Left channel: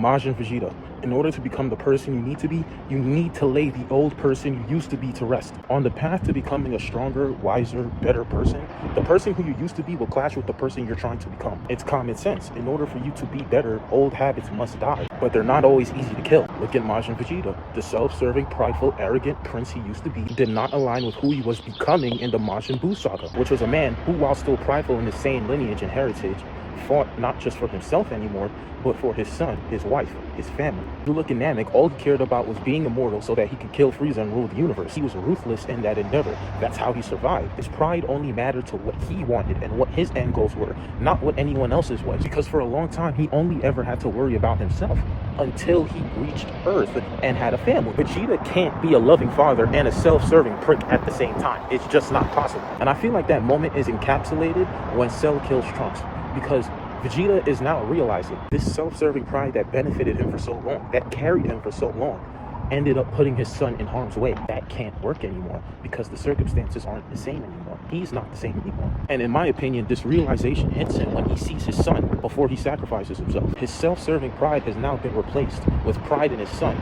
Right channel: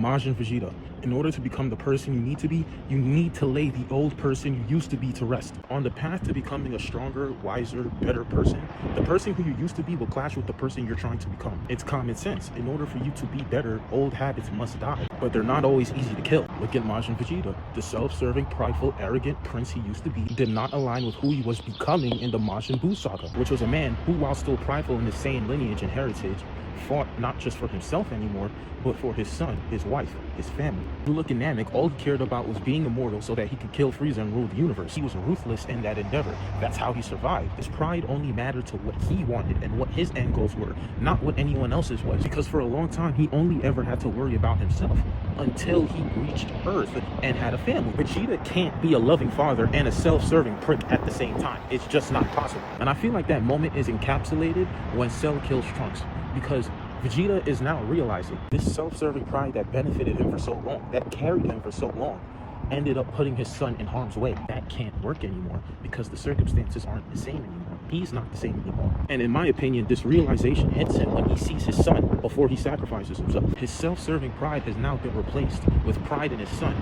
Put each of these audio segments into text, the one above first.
Majin Vegeta. In order to become the person you need to be, you need to lay the old person you used to be to rest. On the path to becoming a stronger, wiser, better person, the person who you used to be will clash with the person you're trying to become. It's common sense. In order for you to be better, old habits must die. But they're not always easy to kill. Look at Majin Vegeta. The self-serving, prideful, arrogant prince he used to be did not align with who he was becoming in the Majin Buu saga, which was a man who, while still prideful in the same lineage and heritage, fought not just for himself anymore, but for his son, his wife, his family. You look at Namek, all he cared about was being immortal so that he could kill Frieza and rule the universe. He was ruthless in that endeavor. That's how he survived. His pride only mattered to what he wanted and what his end goals were, not what anyone else's was. Because for a long time, he only ever had to worry about himself until he reached Earth and had a family. Vegeta can't be a loving father and a self-serving prick at the same time. It's just not possible. And I feel like that moment is encapsulated when Cell kills Trunks, because Vegeta is now realizing this self-serving pride that benefited him for so long, that carried him for so long, ended up putting his son in harm's way. That can't work anymore because the circumstances aren't the same anymore. He's not the same anymore. And in my opinion, this realization hits him when he sees his son before he sacrifices himself. His self-serving pride has now been replaced with pride in his son,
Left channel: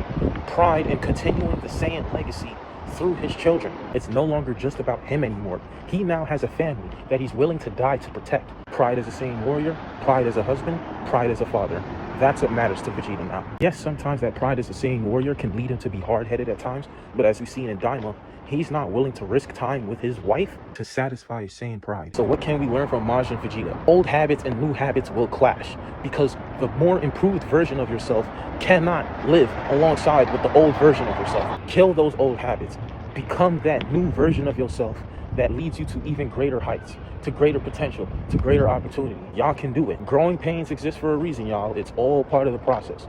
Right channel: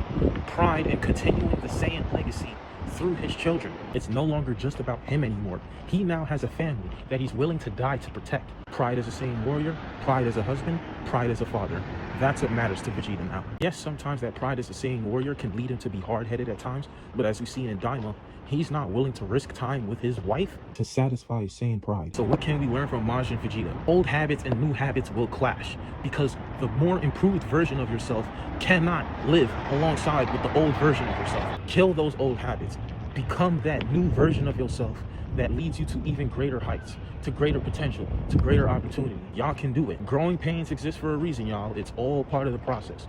pride in continuing the Saiyan legacy through his children. It's no longer just about him anymore. He now has a family that he's willing to die to protect. Pride as a Saiyan warrior, pride as a husband, pride as a father. That's what matters to Vegeta now. Yes, sometimes that pride as a Saiyan warrior can lead him to be hard-headed at times, but as we've seen in Daima, he's not willing to risk time with his wife to satisfy his Saiyan pride. So what can we learn from Majin Vegeta? Old habits and new habits will clash, because the more improved version of yourself cannot live alongside with the old version of yourself. Kill those old habits. Become that new version of yourself that leads you to even greater heights, to greater potential, to greater opportunity. Y'all can do it. Growing pains exist for a reason, y'all. It's all part of the process.